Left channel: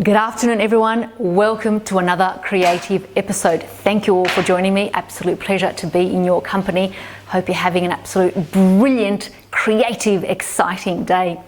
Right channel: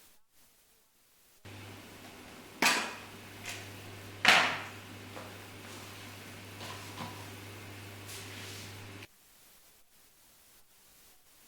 Good afternoon, everyone. Welcome to another creative episode. Thank you all for joining me. Absolute pleasure to be in your company. Hope you're having an absolute brilliant, creative, exciting day.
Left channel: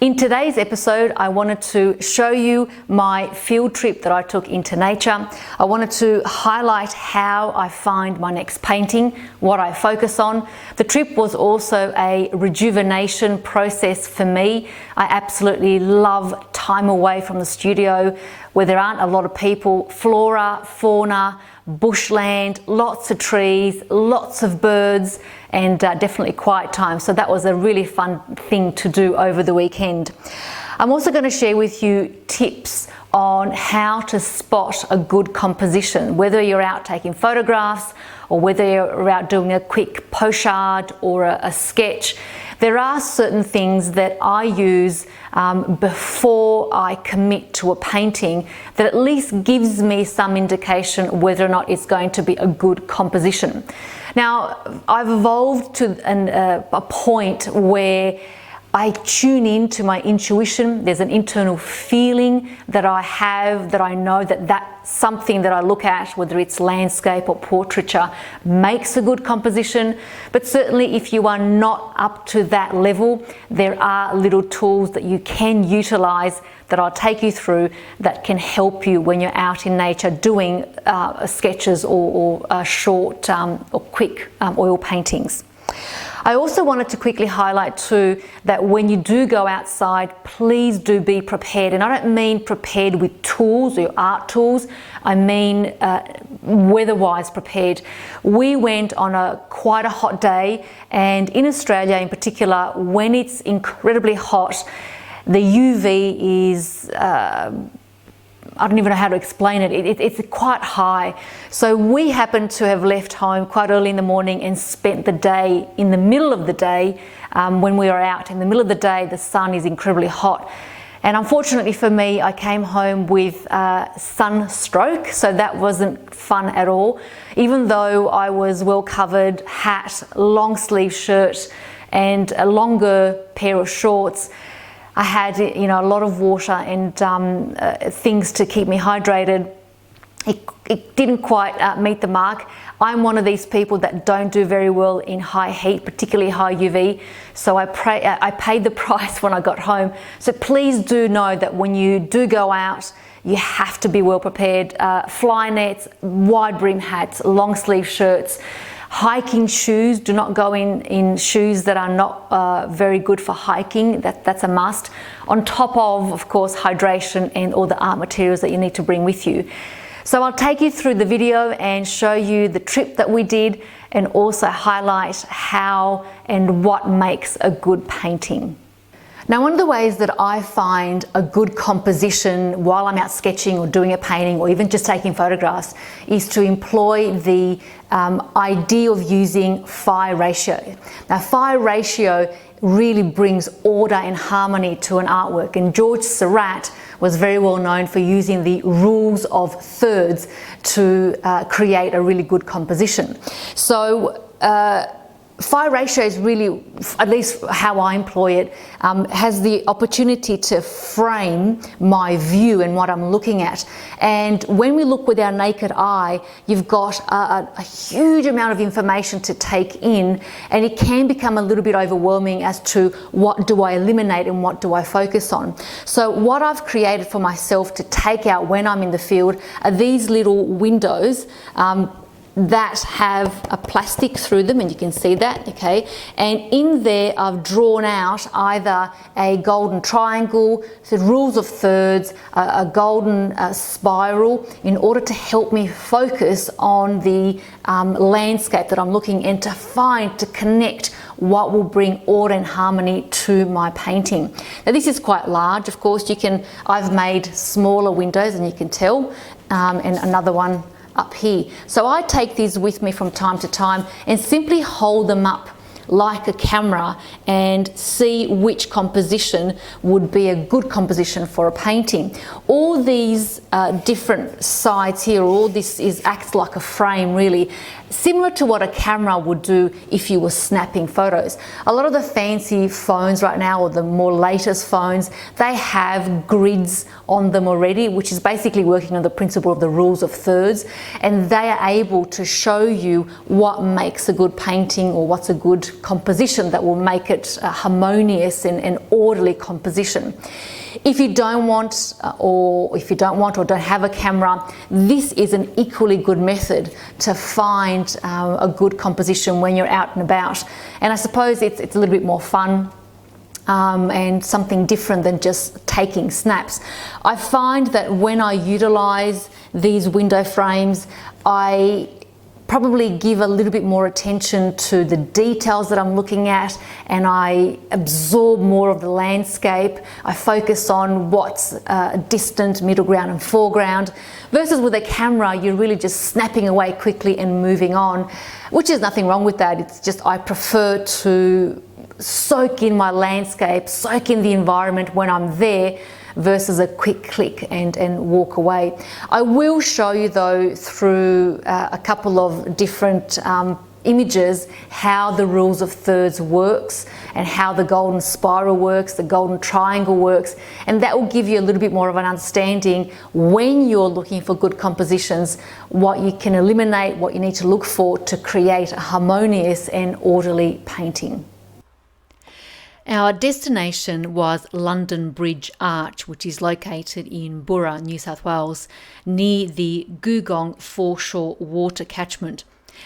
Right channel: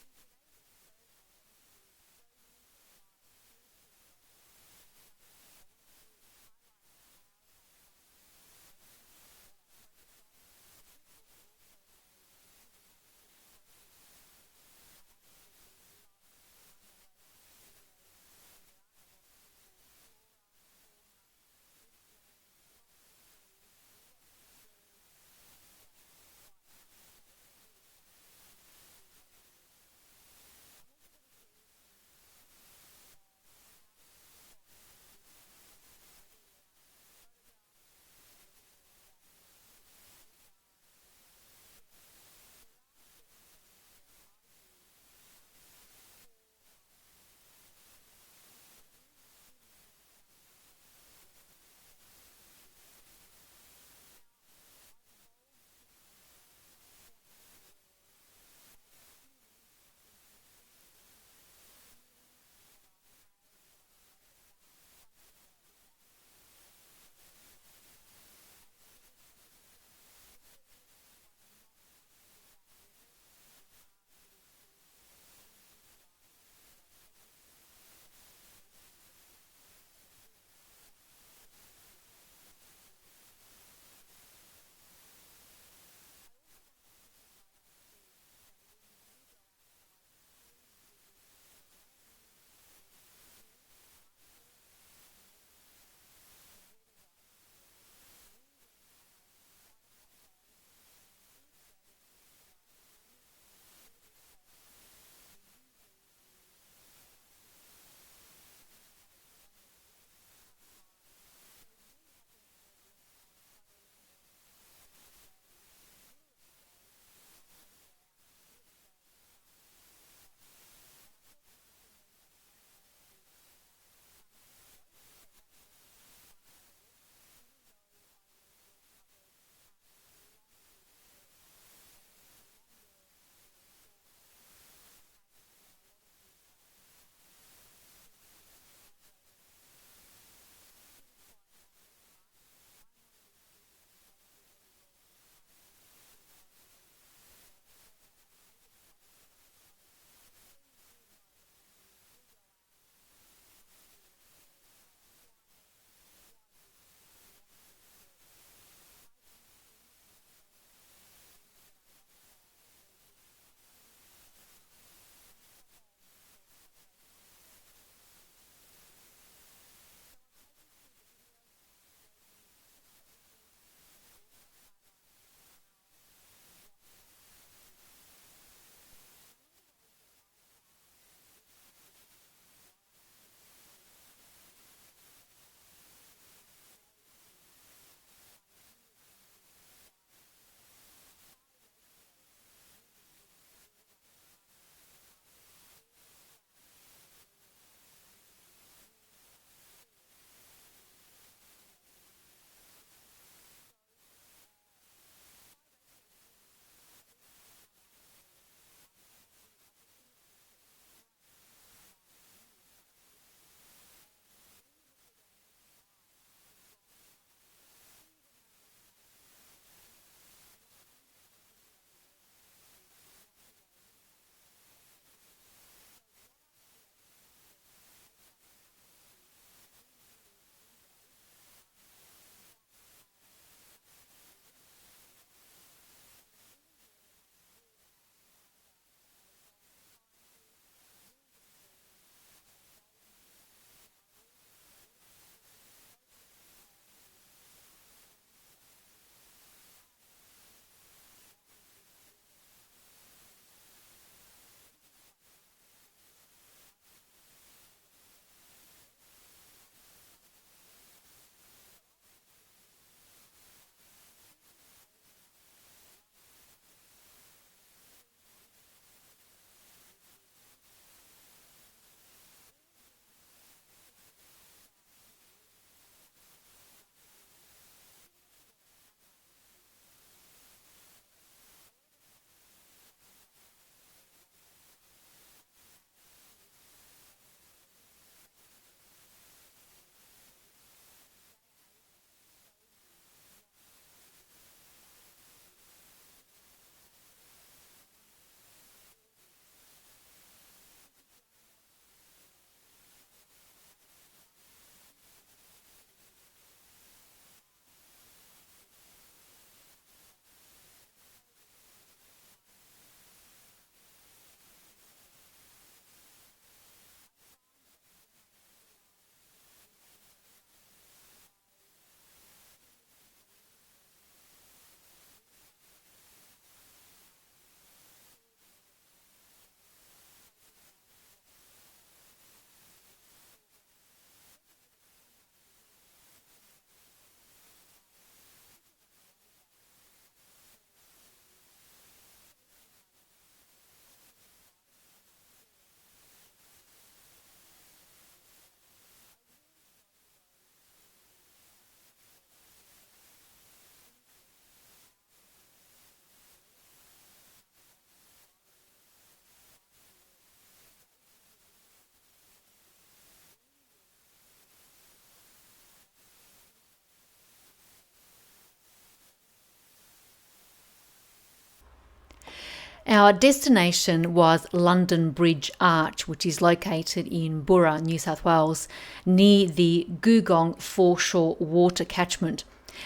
In today's episode, I wanted to show you my field trip that I took into nature. I wanted to highlight how I find my next painting, what I focus on. The trip was also a rejuvenation process for me. I absolutely love time away from the studio where there aren't a lot of people, flora, fauna, bushland, lots of trees, lots of birds, and definitely quiet time. So that was a really fun thing to do over the weekend. I'm also going to share with you tips on how to spot a good composition, whether you're out taking photographs or whether you're out doing a quick pochade or a sketch. There are certain things that I use before I commit to a painting that at least gives me some indication whether or not it's going to be a good composition. Now, I've evolved to a point where I tune in to my intuition. There's an internal feeling that I have, that I know that's something that I look at, whether it's landscape or portraiture, makes a good composition. But certainly if you are not up to that level, there are little tools that you can utilize that I'll take you through that can help you when you're out in nature doing sketches or short or quick oil paintings. I also wanted to quickly highlight too that when you do go outside, please do be prepared. And I don't mean prepared with tools or art tools, I mean weather-wise prepared. We went on quite a hot day, and in Australia in particular, when it's incredibly hot, the UV is I don't even know how to explain it. It's quite high. So we happened to have left home quite early in the morning and spent the day in the middle of the day. When we were out in the middle of the day, the sun is incredibly hot. And unfortunately for me, I came home with sunstroke, so that wasn't fun at all. Even though I was well covered, hat, long sleeve shirt, and a longer pair of shorts, I had, a lot of water and things to keep me hydrated. It didn't quite meet the mark. I'm one of these people that don't do very well in high heat, particularly high UV. So I paid the price when I got home. So please do know that when you do go out, you have to be well prepared. Fly nets, wide brim hats, long sleeve shirts. Hiking shoes, do not go in shoes that are not very good for hiking. That's a must. On top of course, hydration and all the art materials that you need to bring with you. So I'll take you through the video and show you the trip that we did and also highlight how and what makes a good painting. Now, one of the ways that I find a good composition while I'm out sketching or doing a painting or even just taking photographs is to employ the idea of using PHI-RATIO. Now, PHI-RATIO really brings order and harmony to an artwork, and George Seurat was very well known for using the rules of thirds to create a really good composition. So PHI-RATIO is really, at least how I employ it, has the opportunity to frame my view and what I'm looking at. And when we look with our naked eye, you've got a huge amount of information to take in, and it can become a little bit overwhelming as to what do I eliminate and what do I focus on. So what I've created for myself to take out when I'm in the field are these little windows that have a plastic through them, and you can see that, okay? And in there I've drawn out either a golden triangle, the rules of thirds, a golden spiral, in order to help me focus on the landscape that I'm looking and to connect what will bring order and harmony to my painting. Now this is quite large, of course. I've made smaller windows, and you can tell, and another one up here. So I take these with me from time to time and simply hold them up like a camera and see which composition would be a good composition for a painting. All these different sides here, all this acts like a frame really, similar to what a camera would do if you were snapping photos. A lot of the fancy phones right now, or the more latest phones, they have grids on them already, which is basically working on the principle of the rules of thirds, and they are able to show you what makes a good painting or what's a good composition that will make it a harmonious and orderly composition. If you don't want or don't have a camera, this is an equally good method to find a good composition when you're out and about. And I suppose it's a little bit more fun and something different than just taking snaps. I find that when I utilize these window frames, I probably give a little bit more attention to the details that I'm looking at, and I absorb more of the landscape. I focus on what's distant, middle ground and foreground, versus with a camera you're really just snapping away quickly and moving on, which is nothing wrong with that. It's just I prefer to soak in my landscape, soak in the environment when I'm there, versus a quick click and walk away. I will show you though through a couple of different images how the rules of thirds works and how the golden spiral works, the golden triangle works, and that will give you a little bit more of an understanding when you're looking for good compositions, what you can eliminate, what you need to look for to create a harmonious and orderly painting. Our destination was London Bridge Arch, which is located in Burra, New South Wales, near the Googong foreshore water catchment.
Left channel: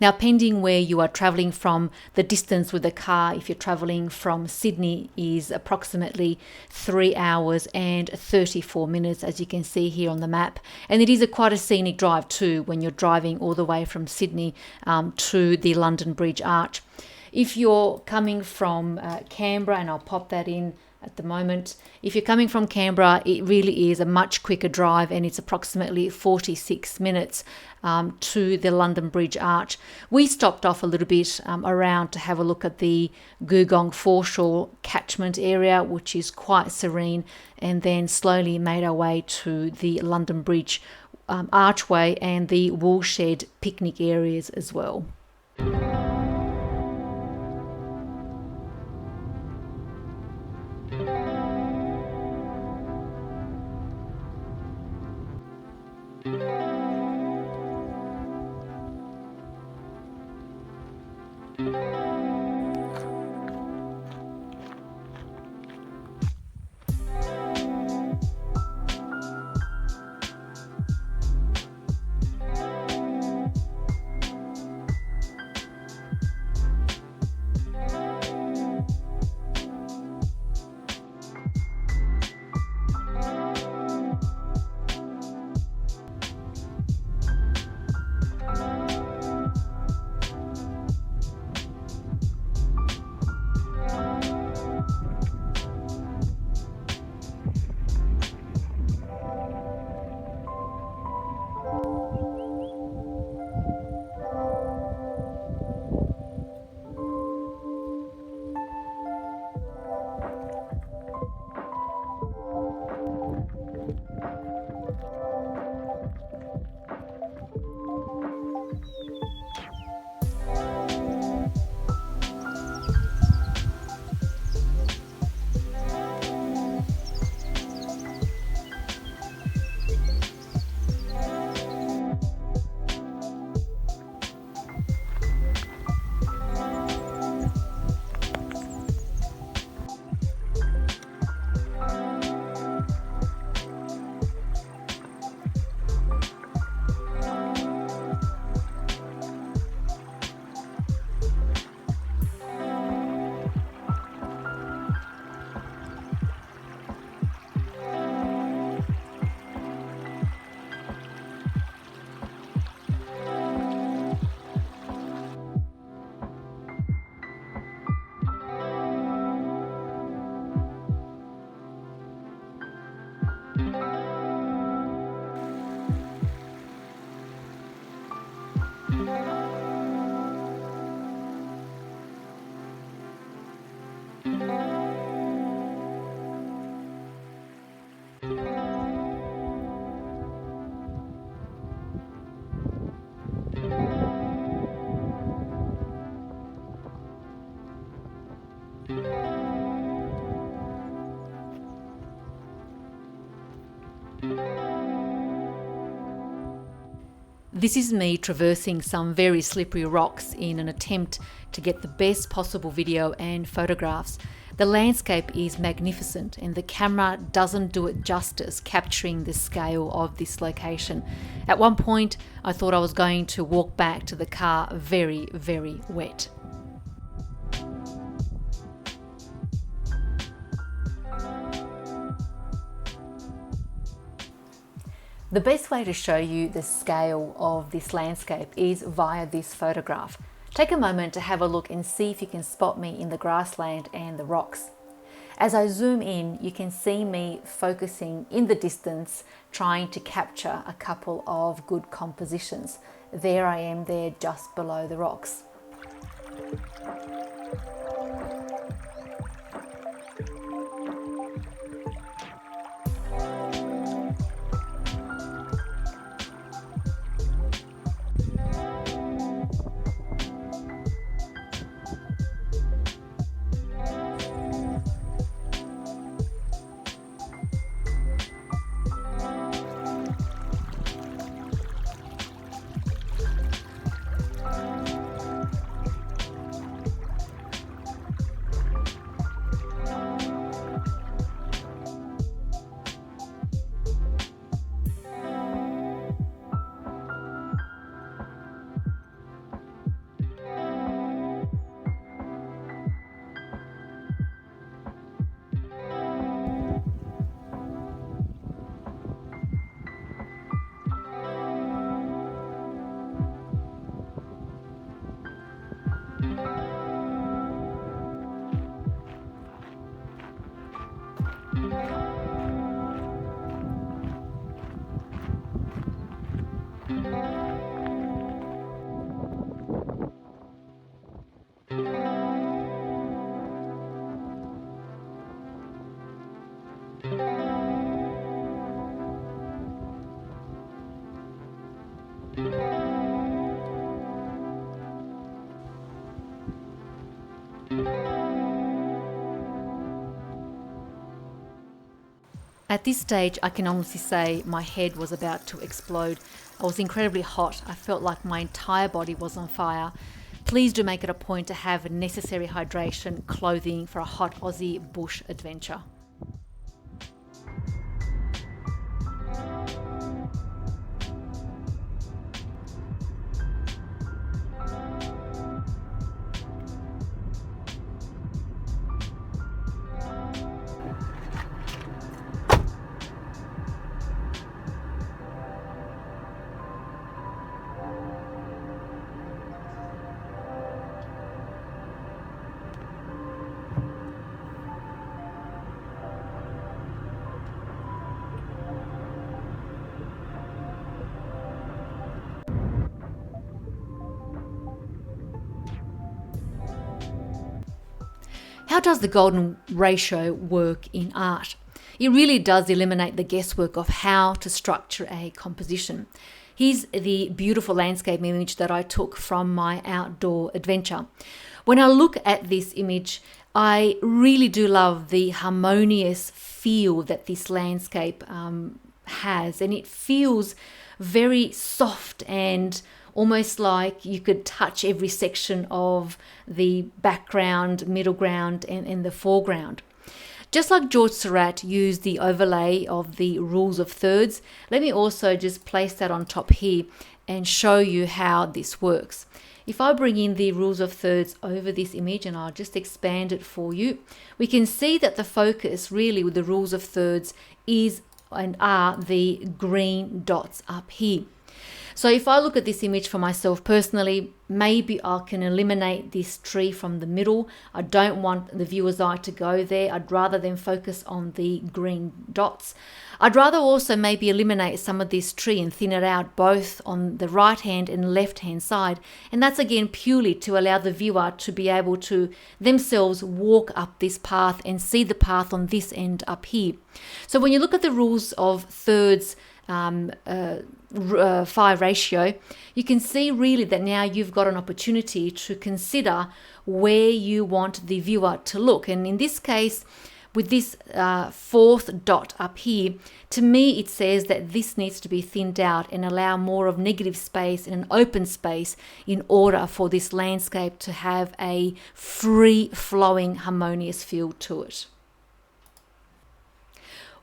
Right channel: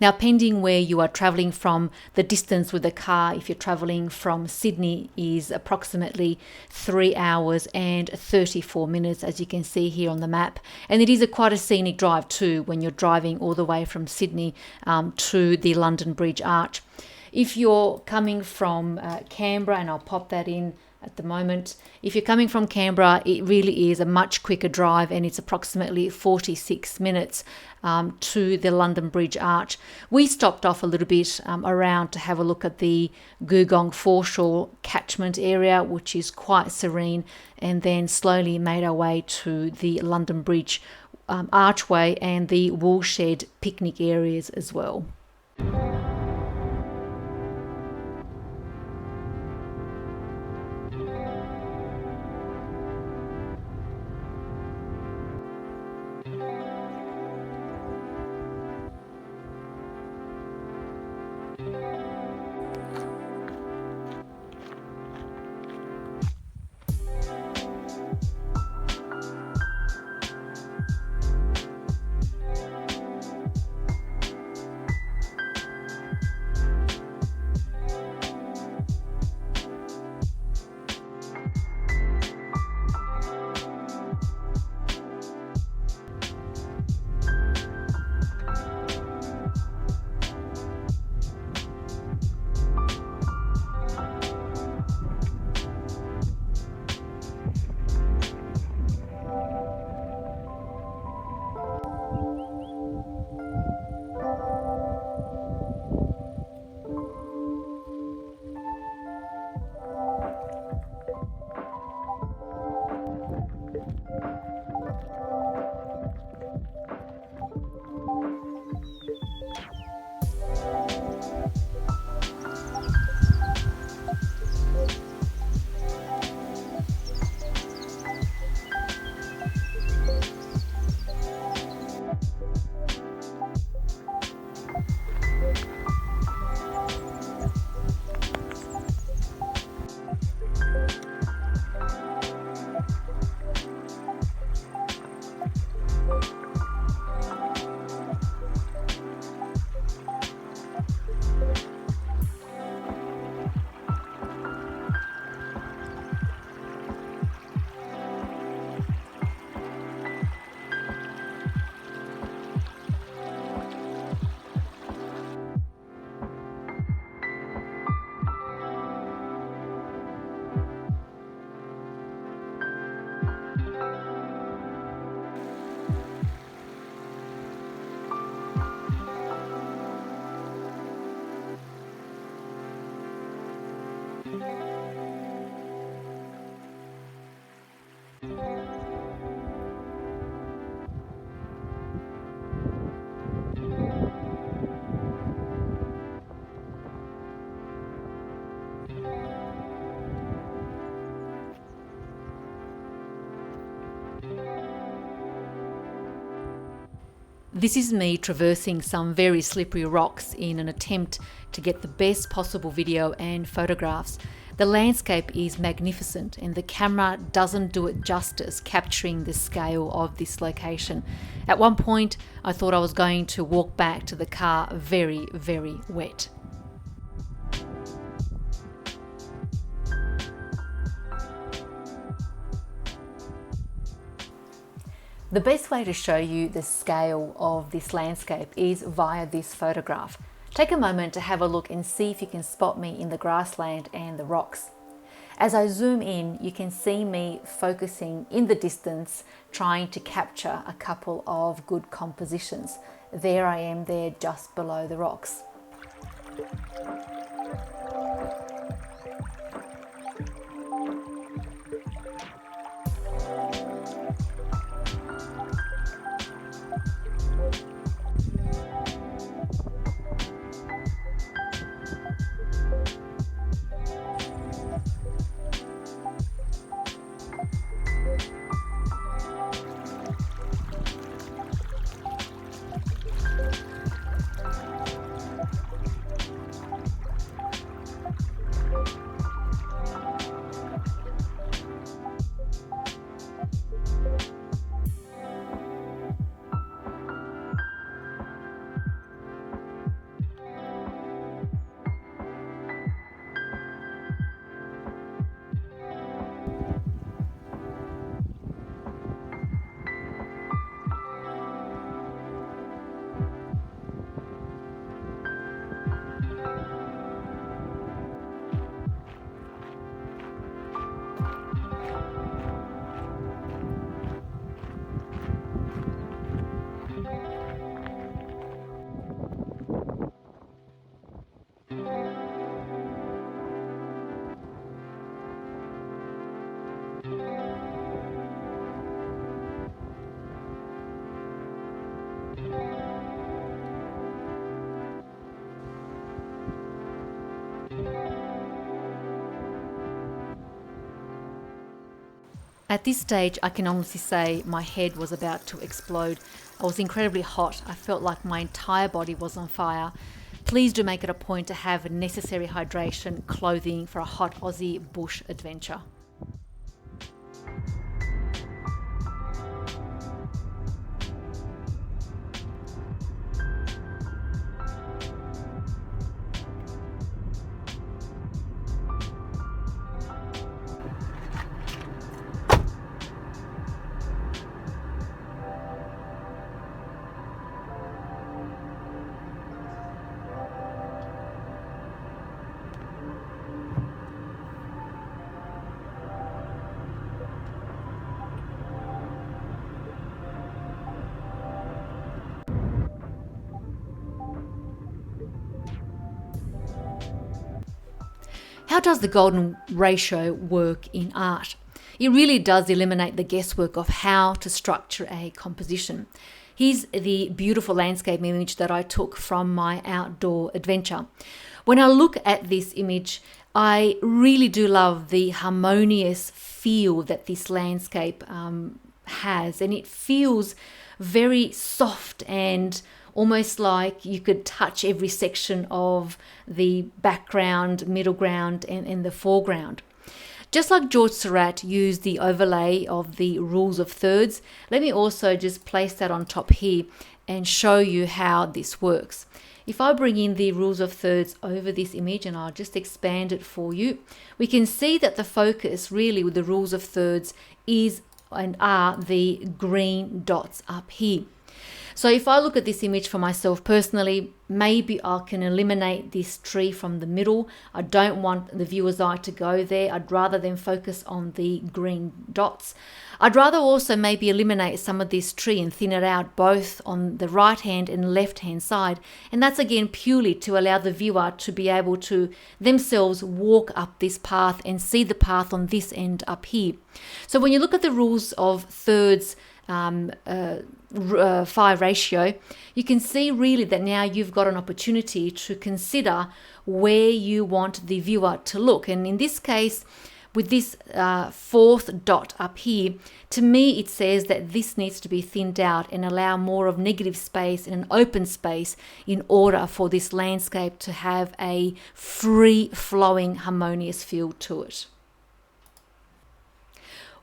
Now, pending where you are travelling from, the distance with the car, if you're travelling from Sydney, is approximately 3 hours and 34 minutes, as you can see here on the map. And it is quite a scenic drive too, when you're driving all the way from Sydney to the London Bridge Arch. If you're coming from Canberra, and I'll pop that in at the moment, if you're coming from Canberra, it really is a much quicker drive, and it's approximately 46 minutes to the London Bridge Arch. We stopped off a little bit around to have a look at the Googong foreshore catchment area, which is quite serene, and then slowly made our way to the London Bridge archway and the woolshed picnic areas as well. This is me traversing some very slippery rocks in an attempt to get the best possible video and photographs. The landscape is magnificent and the camera doesn't do it justice capturing the scale of this location. At one point, I thought I was going to walk back to the car very, very wet. The best way to show you the scale of this landscape is via this photograph. Take a moment to have a look and see if you can spot me in the grassland and the rocks. As I zoom in, you can see me focusing in the distance, trying to capture a couple of good compositions. There I am there just below the rocks. At this stage, I can honestly say my head was about to explode. I was incredibly hot. I felt like my entire body was on fire. Please do make it a point to have necessary hydration clothing for a hot Aussie bush adventure. How does the golden ratio work in art? It really does eliminate the guesswork of how to structure a composition. Here's the beautiful landscape image that I took from my outdoor adventure. When I look at this image, I really do love the harmonious feel that this landscape has, and it feels very soft and almost like you could touch every section of the background, middle ground, and the foreground. Just like George Seurat used the overlay of the rules of thirds, let me also just place that on top here and show you how this works. If I bring in the rules of thirds over this image, and I'll just expand it for you, we can see that the focus really with the rules of thirds is and are the green dots up here. So if I look at this image for myself personally, maybe I can eliminate this tree from the middle. I don't want the viewer's eye to go there. I'd rather them focus on the green dots. I'd rather also maybe eliminate some of this tree and thin it out both on the right hand and left hand side. And that's again purely to allow the viewer to be able to themselves walk up this path and see the path on this end up here. So when you look at the rules of thirds, PHI-RATio, you can see really that now you've got an opportunity to consider where you want the viewer to look. And in this case, with this fourth dot up here, to me it says that this needs to be thinned out and allow more of negative space and an open space in order for this landscape to have a free-flowing, harmonious feel to it.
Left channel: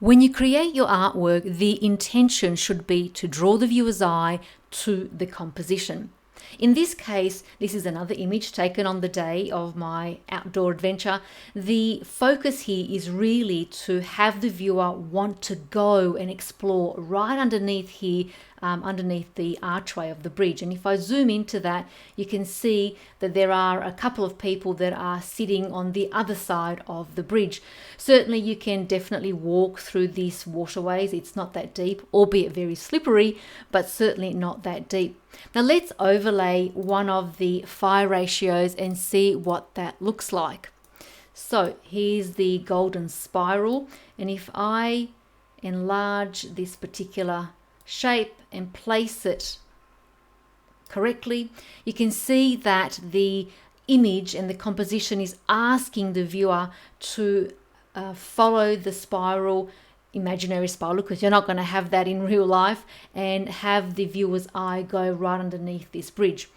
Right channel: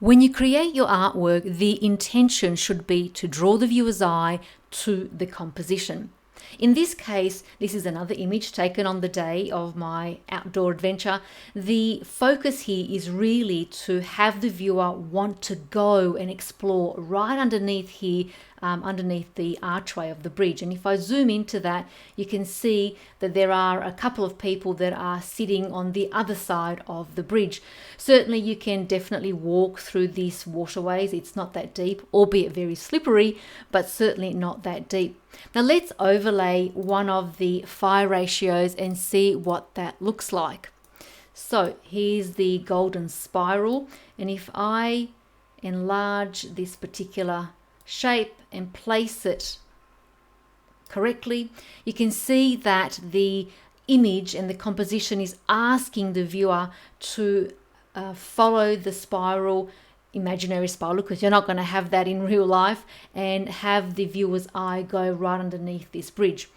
When you create your artwork, the intention should be to draw the viewer's eye to the composition. In this case, this is another image taken on the day of my outdoor adventure. The focus here is really to have the viewer want to go and explore right underneath here, underneath the archway of the bridge. And if I zoom into that, you can see that there are a couple of people that are sitting on the other side of the bridge. Certainly you can definitely walk through these waterways. It's not that deep, albeit very slippery, but certainly not that deep. Now let's overlay one of the PHI ratios and see what that looks like. So here's the golden spiral, and if I enlarge this particular shape and place it correctly, you can see that the image and the composition is asking the viewer to follow the spiral, imaginary spiral, because you're not going to have that in real life, and have the viewer's eye go right underneath this bridge.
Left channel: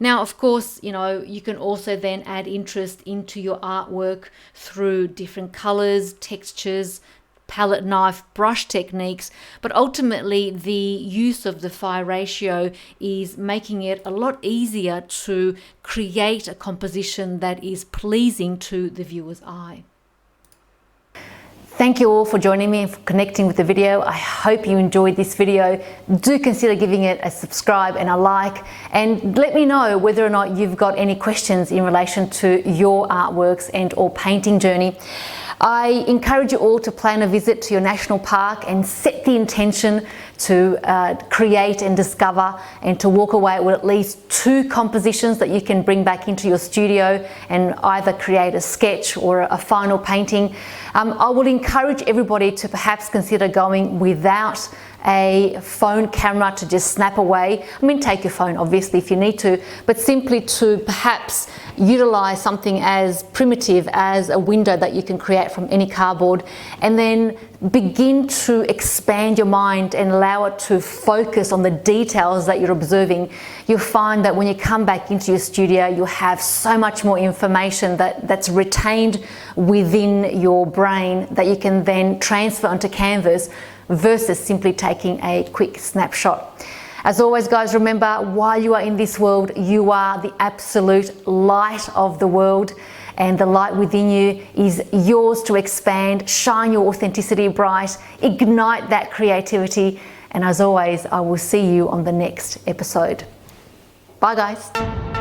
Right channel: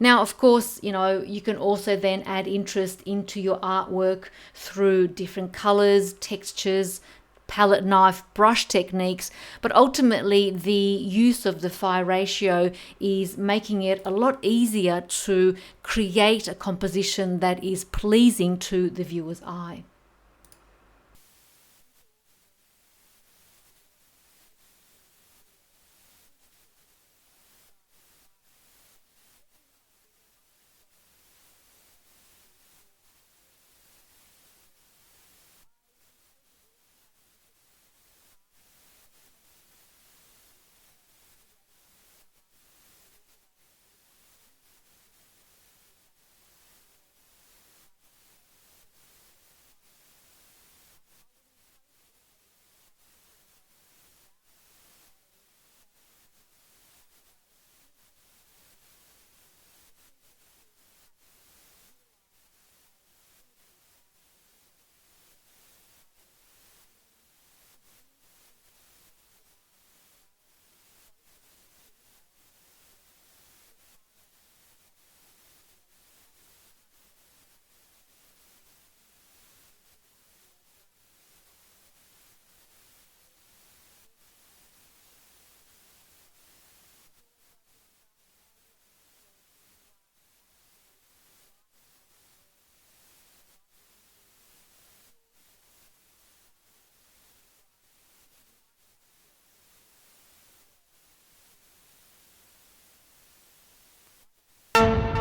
Now, of course, you know, you can also then add interest into your artwork through different colors, textures, palette knife, brush techniques, but ultimately the use of the PHI ratio is making it a lot easier to create a composition that is pleasing to the viewer's eye. Thank you all for joining me and for connecting with the video. I hope you enjoyed this video. Do consider giving it a subscribe and a like, and let me know whether or not you've got any questions in relation to your artworks and or painting journey. I encourage you all to plan a visit to your national park and set the intention to create and discover and to walk away with at least 2 compositions that you can bring back into your studio and either create a sketch or a final painting. I would encourage everybody to perhaps consider going without a phone camera to just snap away. I mean, take your phone obviously if you need to, but simply to perhaps utilize something as primitive as a window that you can create from any cardboard, and then begin to expand your mind and allow it to focus on the details that you're observing. You'll find that when you come back into your studio, you'll have so much more information that's retained within your brain that you can then transfer onto canvas versus simply taking a quick snapshot. As always, guys, remember, while you are in this world, you are the absolute light of the world, and the light within you is yours to expand. Shine your authenticity bright, ignite that creativity, and as always, I will see you on the next episode. Bye, guys.